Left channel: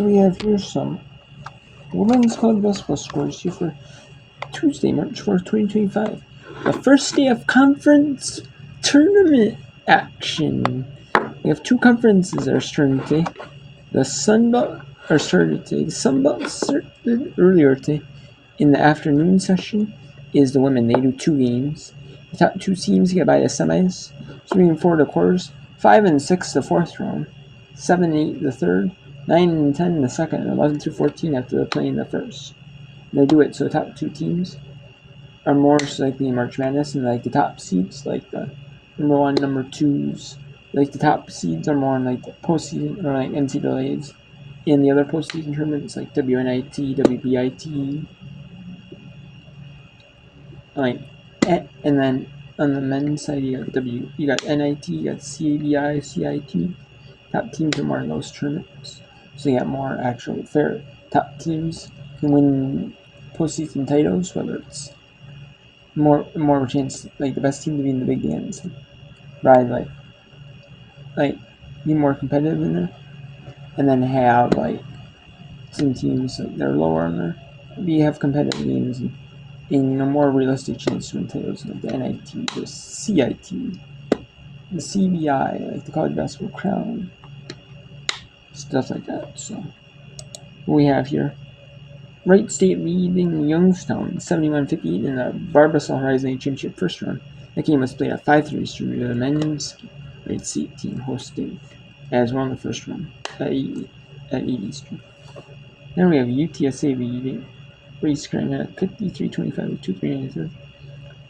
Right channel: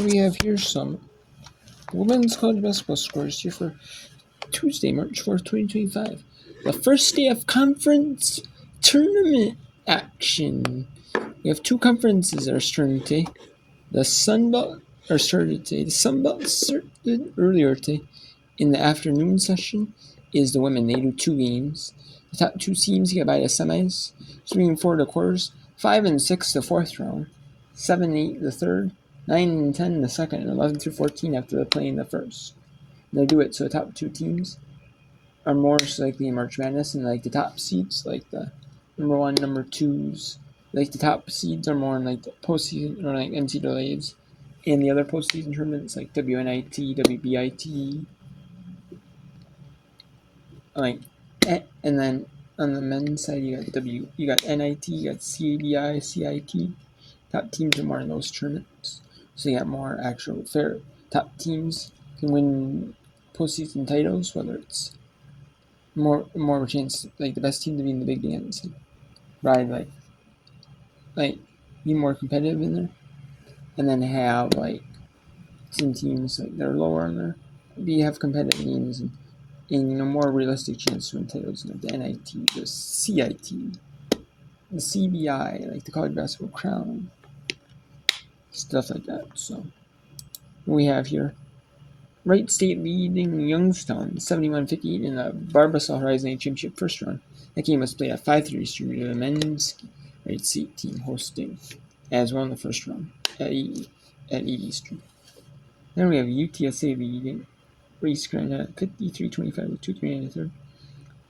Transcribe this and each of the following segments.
So we have here some women's college basketball scores here for Tuesday, March 4th, 2025. The first day of conference tournament action. We have two conferences that are starting today. The Sun Belt are started today. The Sun Belt started earlier today. In the afternoon session is the women. They do 2 games. The top 2 teams get by the semis. 3 and 4 the quarters. 5 and 6 the fourth round. 7 and 8 the third. 9 and 10 the second. And 11 through 14 after they're playing the first. And they do it so the top 2 teams are more likely in March Madness, and like the top seeds, like the number 1, number 2s, like the top seeds are more in like the postseason or like NCAAs, and the other postseason tournaments like WNIT, WBIT, like, and then on the men's side you got NIT, you got CABI, CIT. Top teams are more in those tournaments, so you got more actual fair. Top teams can win postseason titles, whether it's more of a chance, like the best team to be in the big dance, ride like be more competitive in there, and then have like some teams that are lower on there, have competitive games and more realistic chance to win titles, like the NIT, the CIT, the CBI, like the college basketball crown, stuff like that. So what we have here. Wright State leading Youngstown 71-58 in the Barbasol Horizon Championship first round. That game was played at 5:30 Eastern, with the men's Wright State team hosting as well in the first round at 8 Eastern. Then we have UTSA leading Race Grind at 53-25 with 2:39 in the third.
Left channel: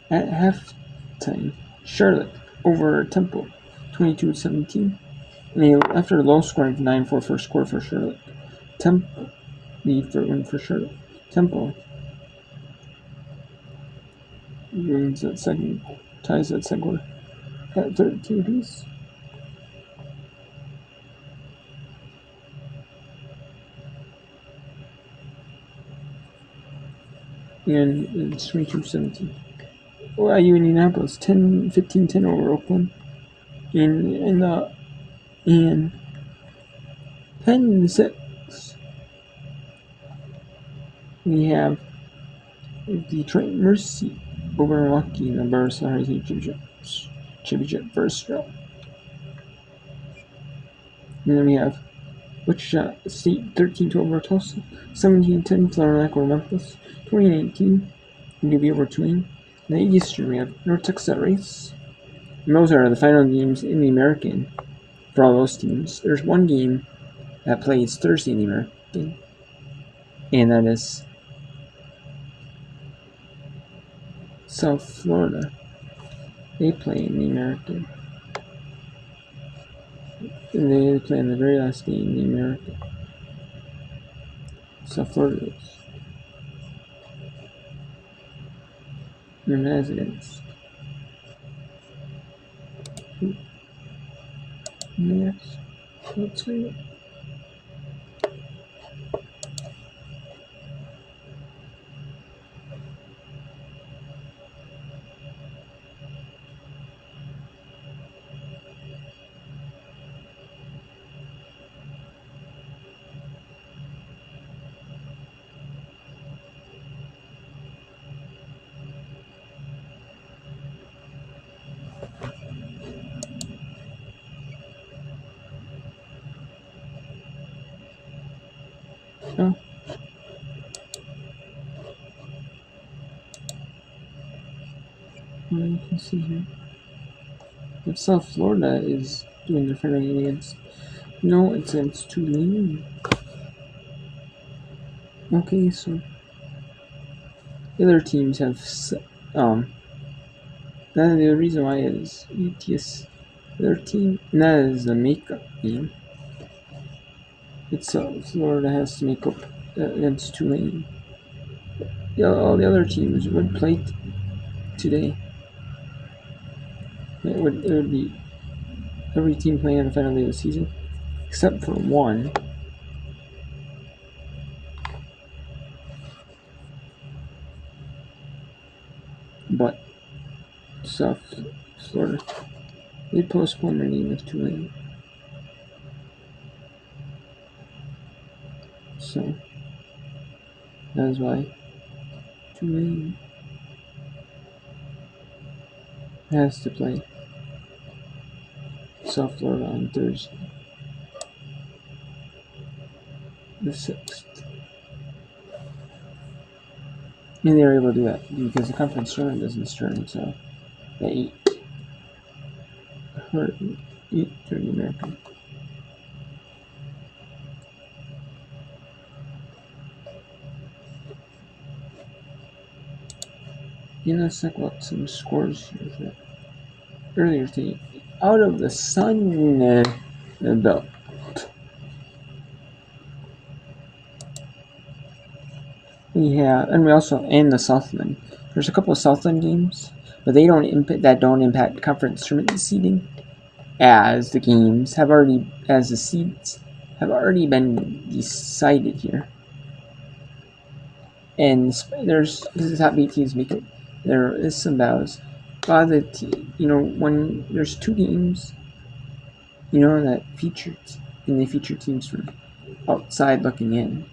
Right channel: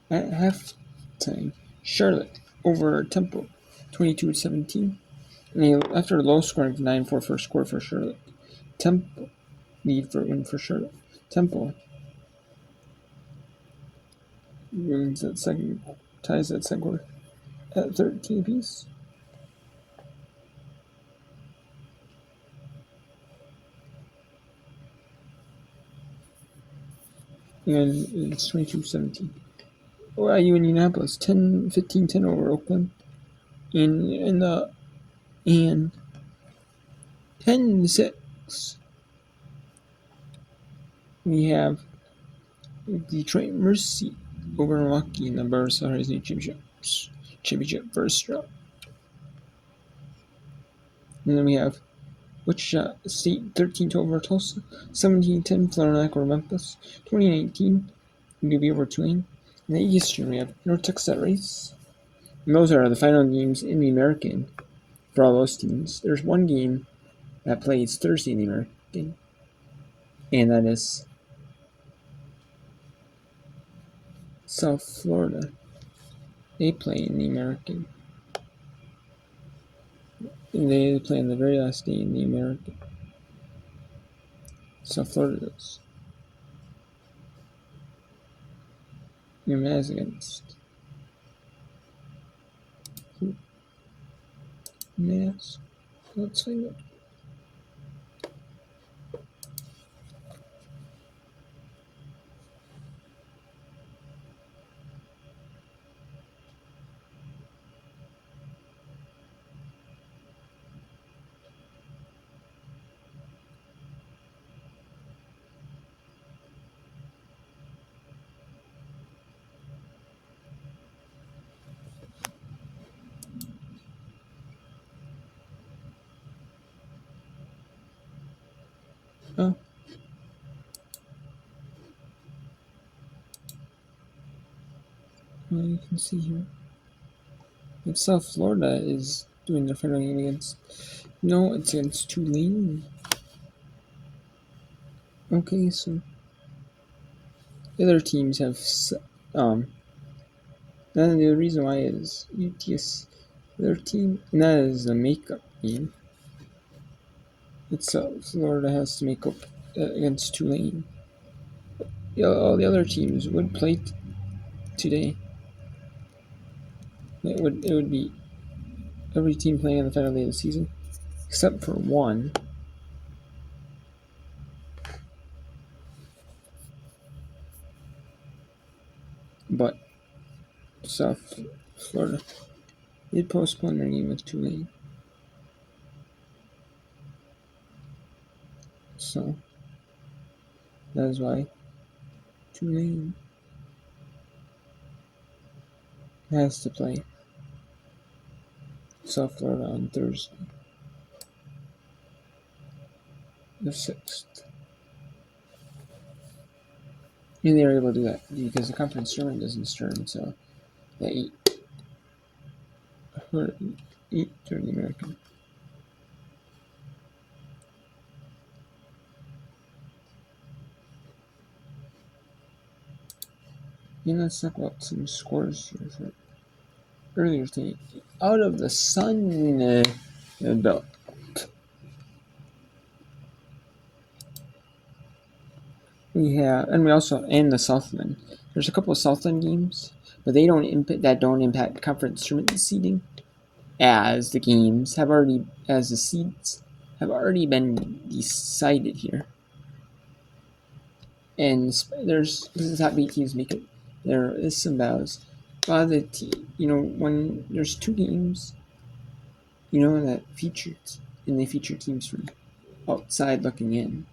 At halftime, Charlotte over Temple 22-17. And after a low scoring 9-4 first quarter for Charlotte, Temple lead for win for Charlotte. Temple ties that second quarter at 13 apiece. And it's 22-17. IU Indianapolis 15-10 over Oakland. And 10-6. We have Detroit Mercy over Milwaukee in the Barbasol Horizon Championship first round. And then we have Wichita State 13-12 over Tulsa, 17-10 Florida Atlantic over Memphis, 2019 UB over Tulane. In the Eastern, we have North Texas at Rice. And those are the final games in the American for all those teams. There's one game that plays Thursday in the American, and that is South Florida. They play in the American. And they play on the very last day in the American. South Florida does. And that is against Yes. Let's see it. Oh. Well, you can see here. But South Florida is doing their final game against. No, it's against Tulane. Okay, so the other teams have and the reason why is UTS their team, and that is the makeup game. It's Florida has to make up against Tulane. All the other teams would play today. It would be every team playing on the final day of the season, except for one. But South Florida did postpone their game with Tulane. So that is why Tulane has to play South Florida on Thursday, the 6th. And they were able to do that because the conference tournament doesn't start until the 8:30 American. Let's talk about some scores here for earlier today. Out of the Sun Belt. We have, and we also, and the Southland. There's a couple of Southland games, but they don't impact conference tournament seeding, as the games have already, as the seeds have already been decided here. And there's the top 8 teams make it. There is some battles. By the when there's 2 games, that featured, and they feature teams from outside looking in.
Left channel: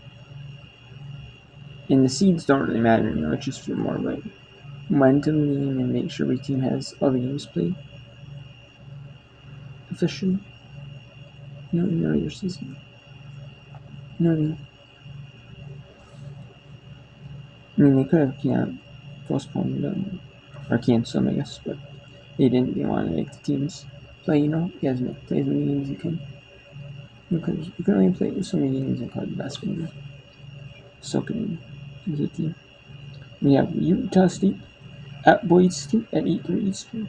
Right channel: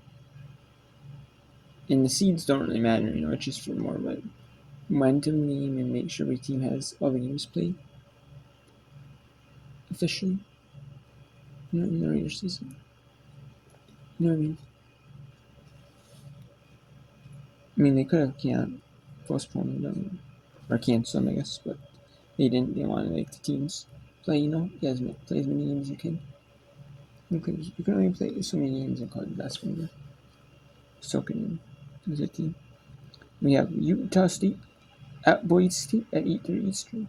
And the seeds don't really matter, it's just for more like momentum game and make sure every team has all the games played officially. In the regular season. You know what I mean? They could have postponed them or canceled them, I guess, but they didn't. They wanted to make the teams play, play as many games as you can. Because you can only play so many games in college basketball. So can as a team. We have Utah State at Boise State at 8:30 Eastern.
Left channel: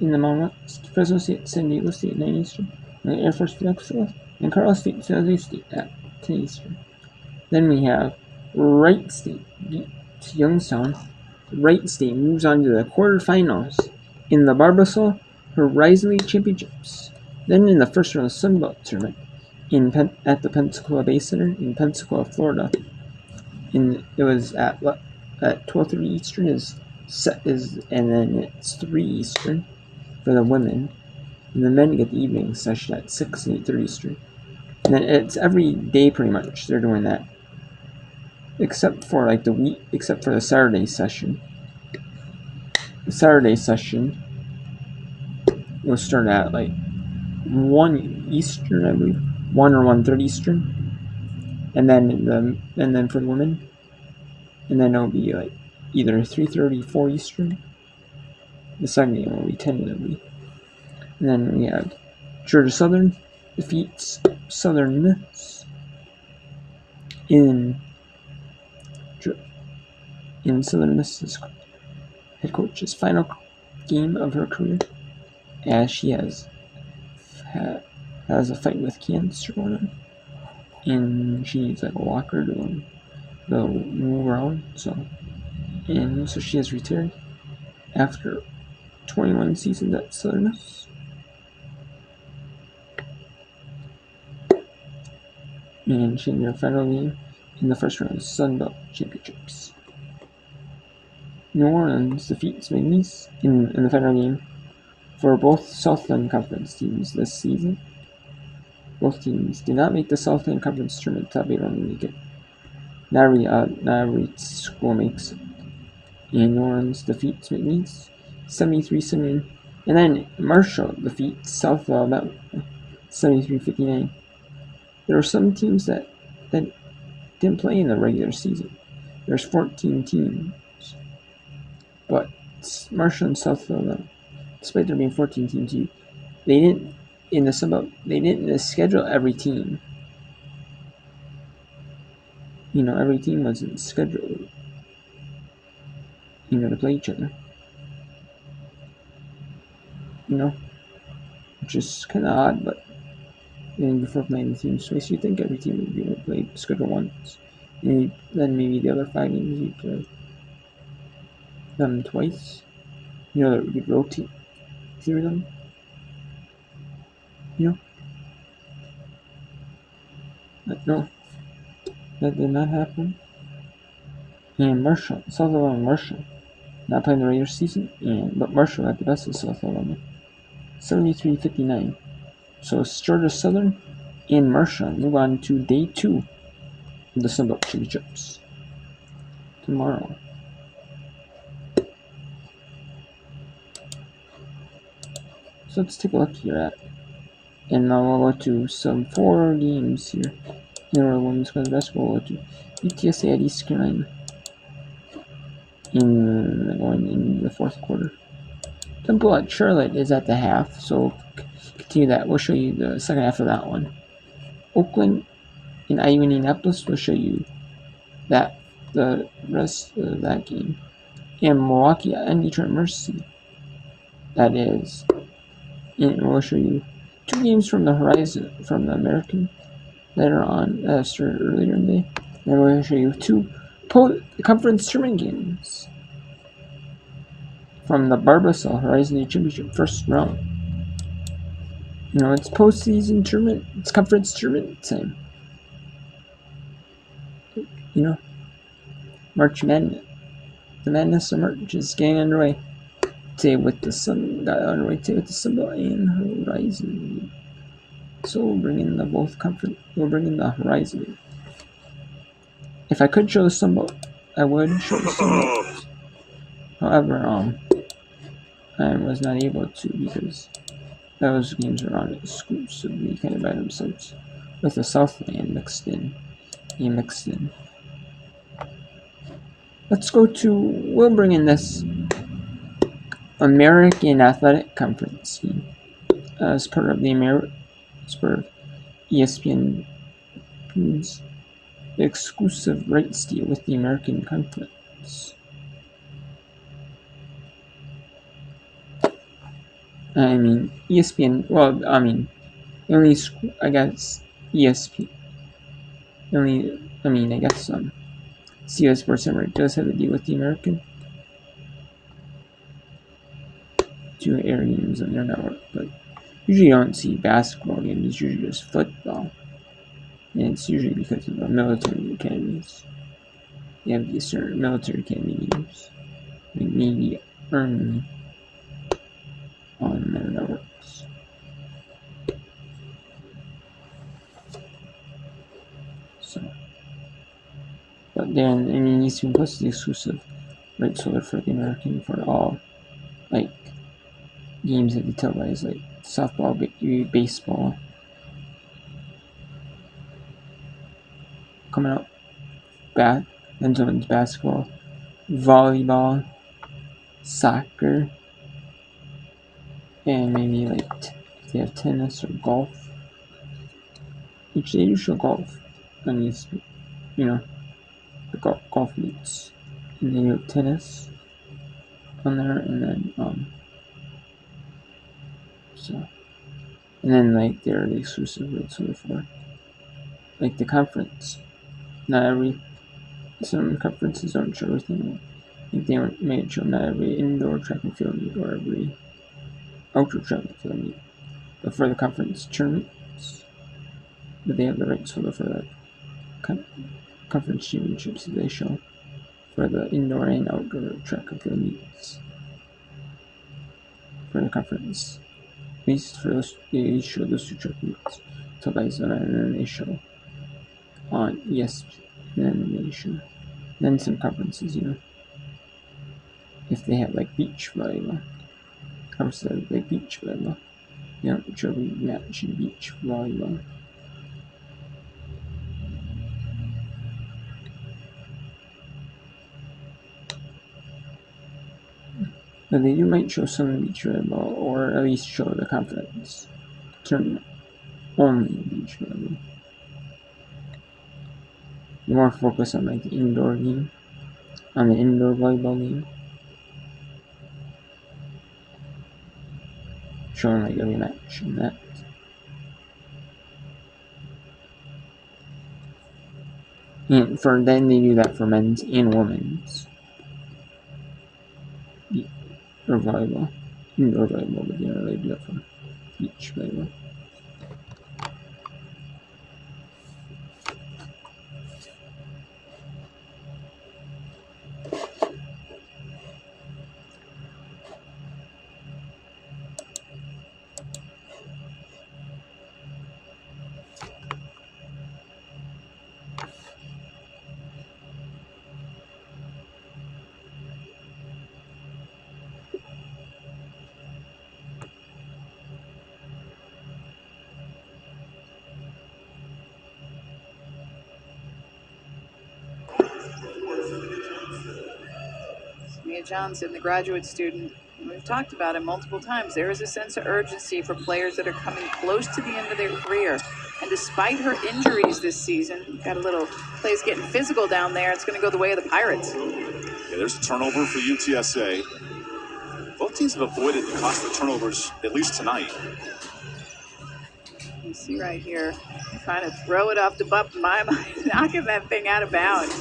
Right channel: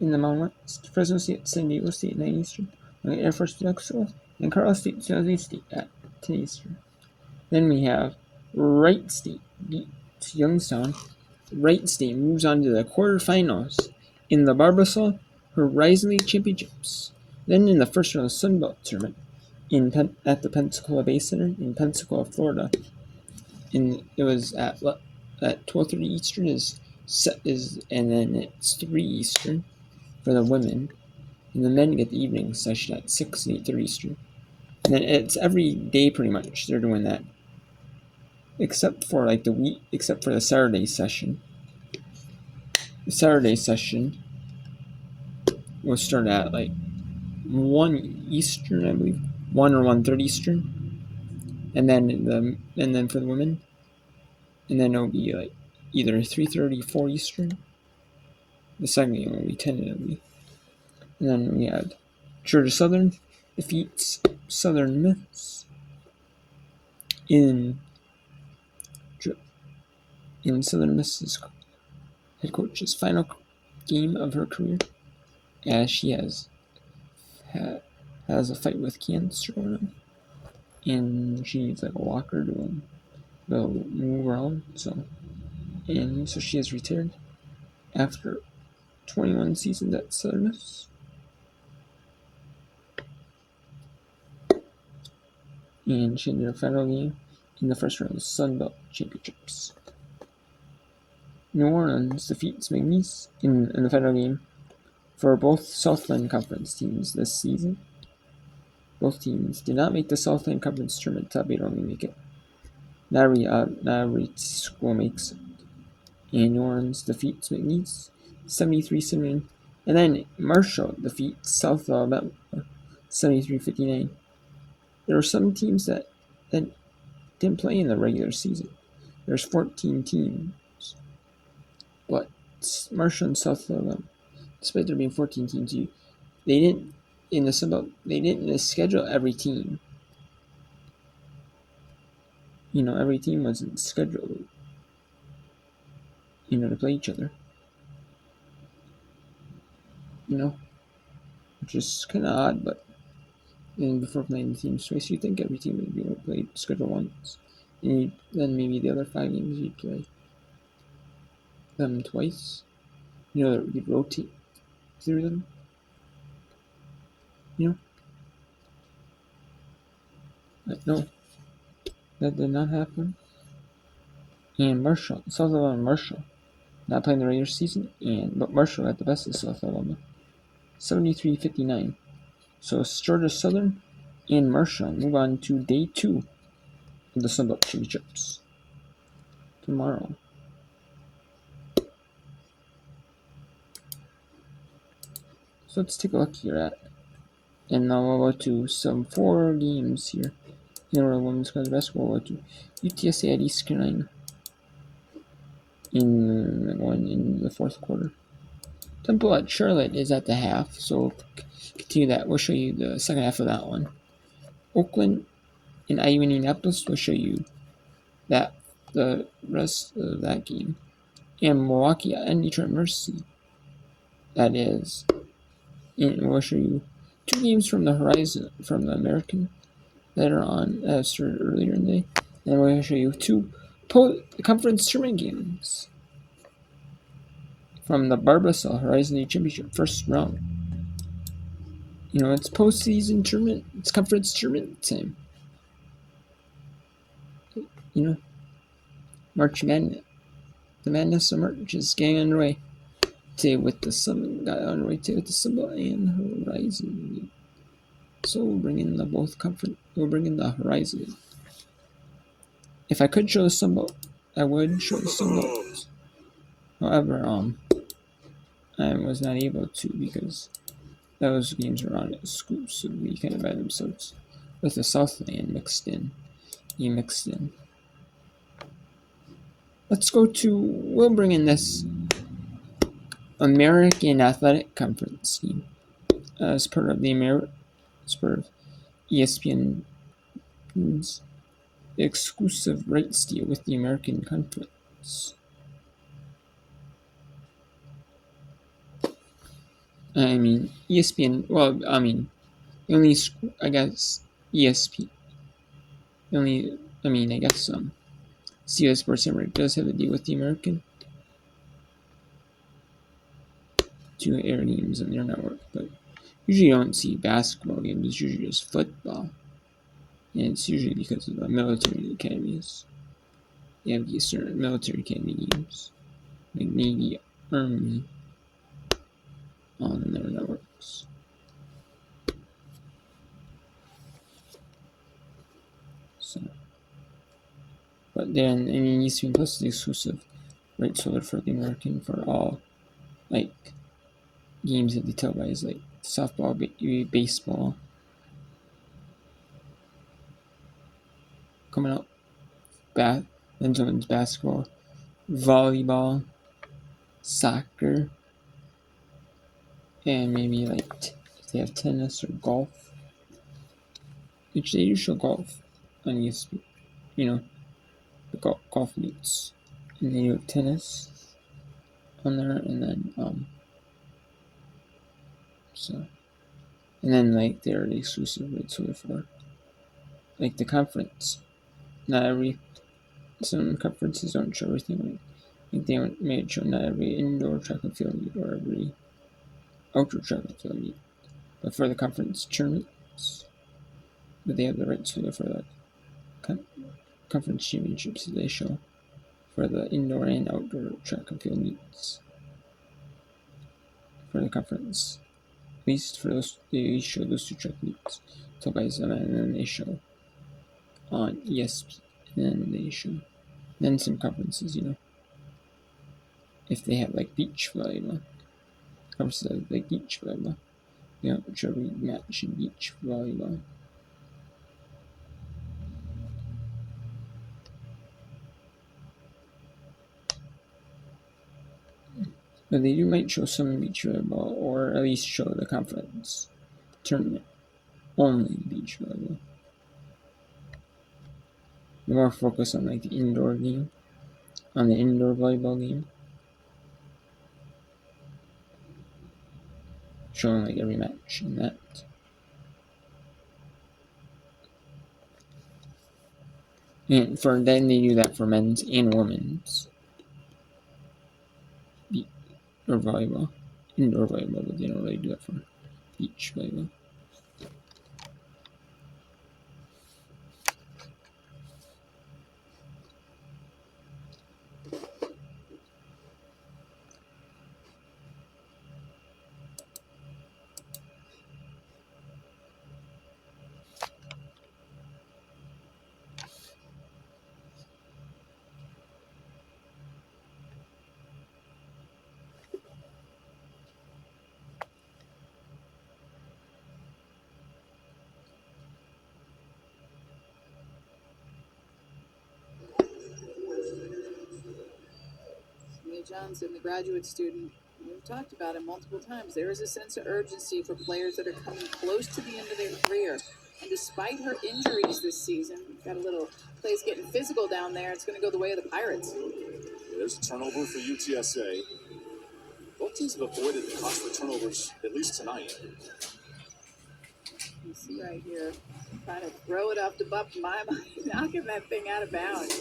In the Mountain West, Fresno State, San Diego State at 9 Eastern. Air Force Texas, and Carl State, San Jose State at 10 Eastern. Then we have Wright State beats Youngstown. Wright State moves on to the quarterfinals in the Barbasol Horizon League Championships. Then in the first round of the Sun Belt Tournament at the Pensacola Bay Center in Pensacola, Florida. It was at 12:30 Eastern and then it's 3 Eastern for the women, and the men get the evening session at 6 and 8:30 Eastern. And then it's every day pretty much they're doing that, except for the Saturday session. The Saturday session will start at 1 Eastern, I believe, 1 or 1:30 Eastern, and then for the women, and then it'll be either 3:30, 4 Eastern. The second game will be tentatively, and then we have Georgia Southern defeats Southern Miss in Southern Miss's head coach's final game of her career, as she has a fight with cancer going on, and she needs a walker to move around. So she has retired after 21 seasons at Southern Miss. And she had her final game in the first round of the Sun Belt Championships. New Orleans defeats McNeese in the final game for both Southland Conference teams this season. Both teams did not make the Southland Conference tournament. Top 8 only make it. Not every school makes it. And New Orleans defeats McNeese 73-79. And then Marshall defeats South Alabama 73-59. There were some teams that didn't play in the regular season. There's 14 teams. But Marshall and South Alabama, despite there being 14 teams, they didn't in the Sun Belt. They didn't schedule every team. Every team wasn't scheduled. To play each other. Which is kind of odd, but then before playing the teams twice, you think every team would be able to play schedule once, and then maybe the other 5 games you play them twice. That we could rotate through them. But no, that did not happen. And South Alabama Marshall, not playing the regular season, but Marshall got the best of South Alabama, 73-59. So Georgia Southern and Marshall move on to day 2 of the Sunbelt Championships tomorrow. So let's take a look here at, and now we'll go to some 4 games here in the women's college basketball. We'll go to UTSA at East Carolina in the 4th quarter. Temple at Charlotte is at the half, so continue that. We'll show you the second half of that one. Oakland and IU Indianapolis will show you that the rest of that game. And Milwaukee and Detroit Mercy, that is. And we'll show you 2 games from the Horizon, from the American, that are on, that started earlier in the day. And we'll show you 2 conference tournament games from the Barbasol Horizon League Championship first round. You know, it's postseason tournament, it's conference tournament time. You know, March Madness. The madness of March is getting underway today with the Sunbelt and Horizon. So we'll bring in the both conference. We'll bring in the Horizon. If I could show the Sunbelt, I would show the Sunbelt. However, I was not able to because those games are on exclusively kind of by themselves, with the Southland mixed in. Let's go to. We'll bring in this American Athletic Conference team as part of ESPN's exclusive rights deal with the American Conference. I mean, ESPN. Well, I mean, only I guess ESPN. I guess CBS Sports Network does have a deal with the American to air games on their network, but usually you don't see basketball games. It's usually just football, and it's usually because of the military academies. They have these certain military academy games, like Navy, Army, on their networks. So, but then ESPN Plus is the exclusive rights holder for the American for all like games that they televise, like softball, baseball. Coming up, men's basketball, volleyball, soccer, and maybe like if they have tennis or golf. Which they do show golf on ESPN, you know, the golf meets, and they do tennis on there, and then and then like they're the exclusive rights holder for like the conference. Some conferences don't show everything. Like they may show not every indoor track and field meet or every outdoor track and field meet, but for the conference tournaments, but they have the rights holder for the conference championships that they show for the indoor and outdoor track and field meets for the conference. At least for those, they show those 2 track meets televised, and then they show on ESPN, and then they show then some conferences, you know, if they have like beach volleyball, conferences have like beach volleyball, they don't show every match in beach volleyball. But they might show some beach volleyball, or at least show the conference tournament only beach volleyball. More focus on like the indoor game, on the indoor volleyball game, showing like every match in that. And for then they do that for men's and women's or volleyball, indoor volleyball, but they don't really do that for beach volleyball. Johnson, the graduate student. We've talked about it multiple times. There is a sense of urgency for players that are coming close to the end of their career. And despite her injuries this season, got a little plays getting physical down there. It's going to go the way of the Pirates. Yeah, there's a turnover for UTSA. Both teams have avoided the costly turnovers, at least tonight. You see right here, trying to throw it off the butt, knocking that thing out of bounds.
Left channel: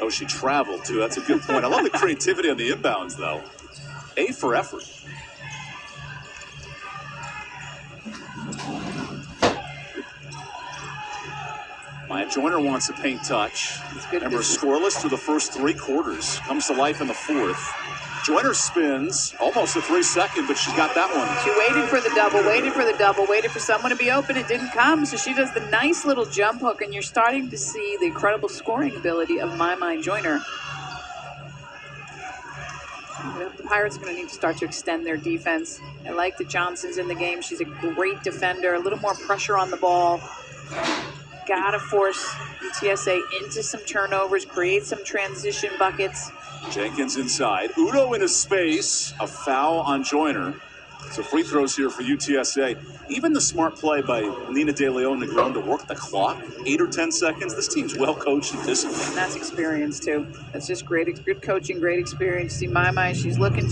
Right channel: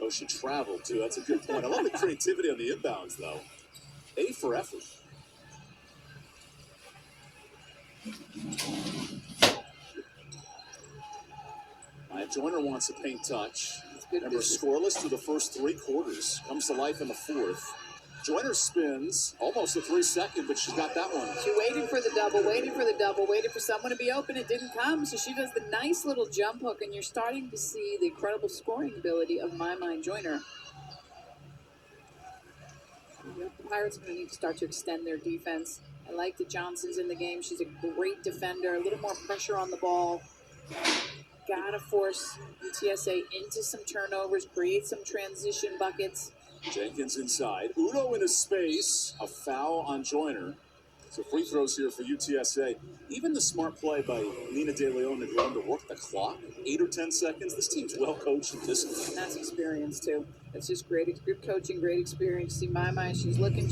Oh, she traveled too. That's a good point. I love the creativity on the inbounds, though. A for effort. Maya Joyner wants a paint touch. Remember, scoreless through the first 3 quarters. Comes to life in the 4th. Joyner spins almost a 3-second, but she's got that one. She waited for the double, waited for someone to be open. It didn't come, so she does the nice little jump hook, and you're starting to see the incredible scoring ability of Maya Joyner. The Pirates are going to need to start to extend their defense. I like that Johnson's in the game. She's a great defender, a little more pressure on the ball. Gotta force UTSA into some turnovers, create some transition buckets. Jenkins inside. Udo into space. A foul on Joyner. So free throws here for UTSA. Even the smart play by Nina De Leon Negron to work the clock, 8 or 10 seconds. This team's well coached and disciplined. And that's experience too. That's just great, good coaching, great experience. See Maya, she's looking,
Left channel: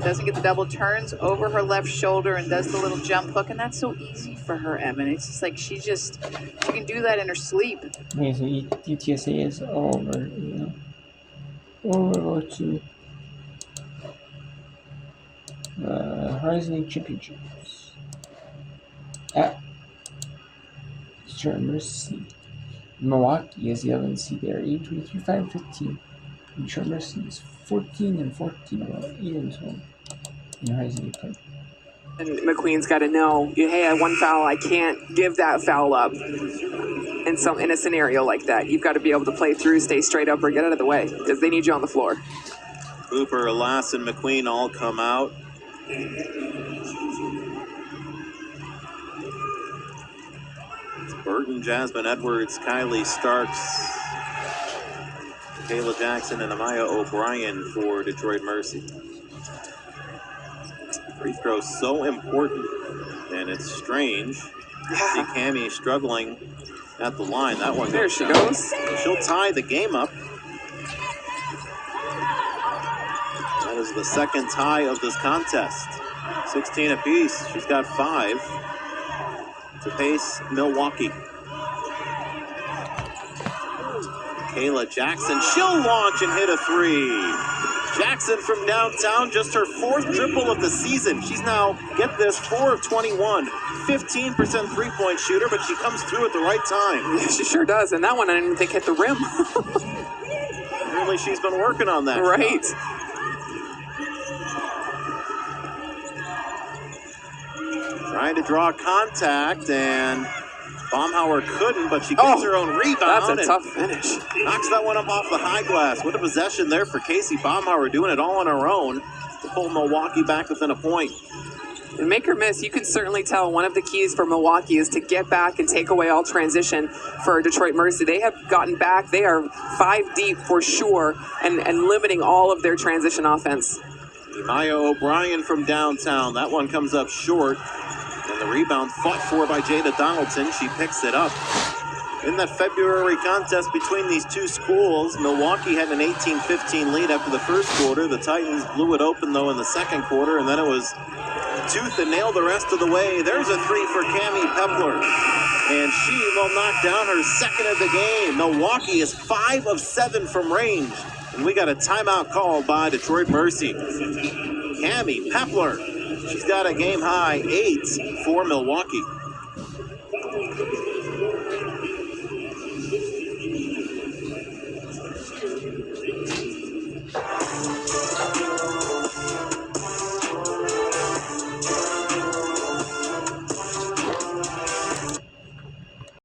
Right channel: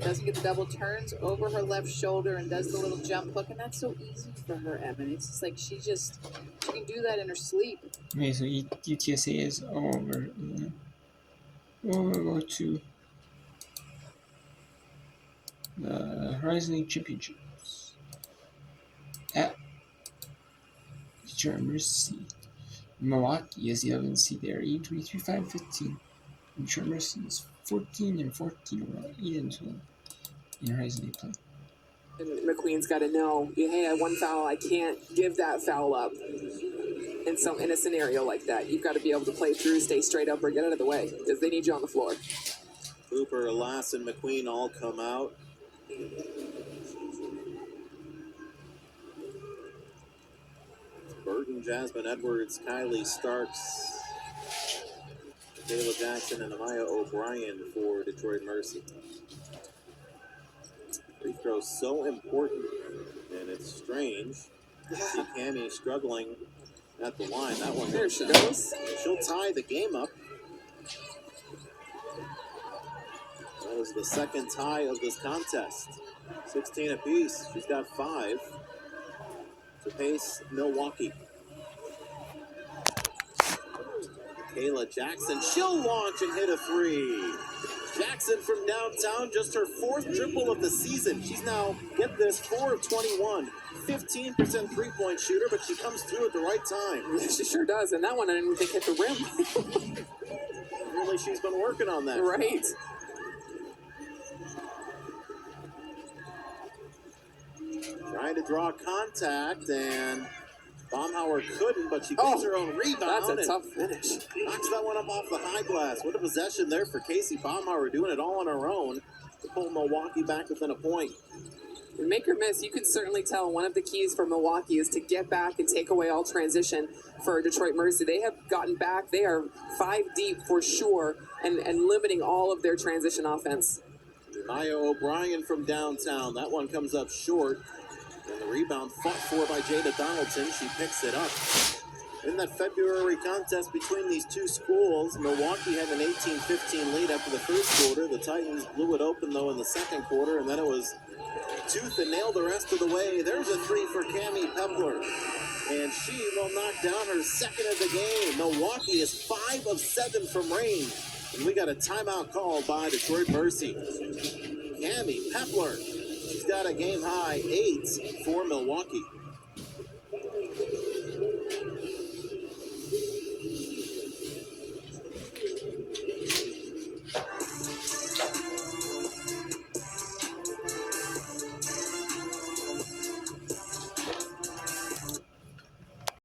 doesn't get the double, turns over her left shoulder and does the little jump hook, and that's so easy for her, Evan. It's just like she can do that in her sleep. Okay, so UTSA is over. Over to Horizon League Championships at Detroit Mercy. Milwaukee is the 11th seed there, 8-23, 5-15. Detroit Mercy is 14-14, about 8-12 in Horizon League play. And McQueen's got to know, hey, I one foul, I can't give that foul up. In a scenario like that, you've got to be able to play through, stay straight up, or get out of the way because they need you on the floor. Cooper, Lass, and McQueen all come out. It's Burton, Jasmine Edwards, Kylie Starks, Kayla Jackson, and Amaya O'Brien for Detroit Mercy. Free throw so important, and it's strange. See Cammie struggling at the line. That one there she goes. She'll tie the game up. That is the second tie of this contest. 16 apiece. She's got 5 to pace Milwaukee. Kayla Jackson, she'll launch and hit a 3. Jackson from downtown, just her 4th triple of the season. She's now, get this, 4 of 21. 15% three-point shooter, but she comes through at the right time. Yeah, she sure does. And that one I didn't even think hit the rim. Apparently she's been working on that. Right. Trying to draw contact, and Baumhauer couldn't, but she gets her own rebound. That's a tough finish. Knocks that one up off the high glass. What a possession there for Casey Baumhauer, doing it all on her own to pull Milwaukee back within a point. And make or miss, you can certainly tell one of the keys for Milwaukee is to get back and take away all transition for Detroit Mercy. They have gotten back. They are 5 deep for sure and limiting all of their transition offense. Maya O'Brien from downtown. That one comes up short. And the rebound fought for by Jada Donaldson. She picks it up. In that February contest between these two schools, Milwaukee had an 18-15 lead after the first quarter. The Titans blew it open, though, in the second quarter, and then it was tooth and nail the rest of the way. There's a 3 for Cammie Pepler, and she will knock down her 2nd of the game. Milwaukee is 5 of 7 from range, and we got a timeout called by Detroit Mercy. Cammie Pepler, she's got a game-high 8 for Milwaukee.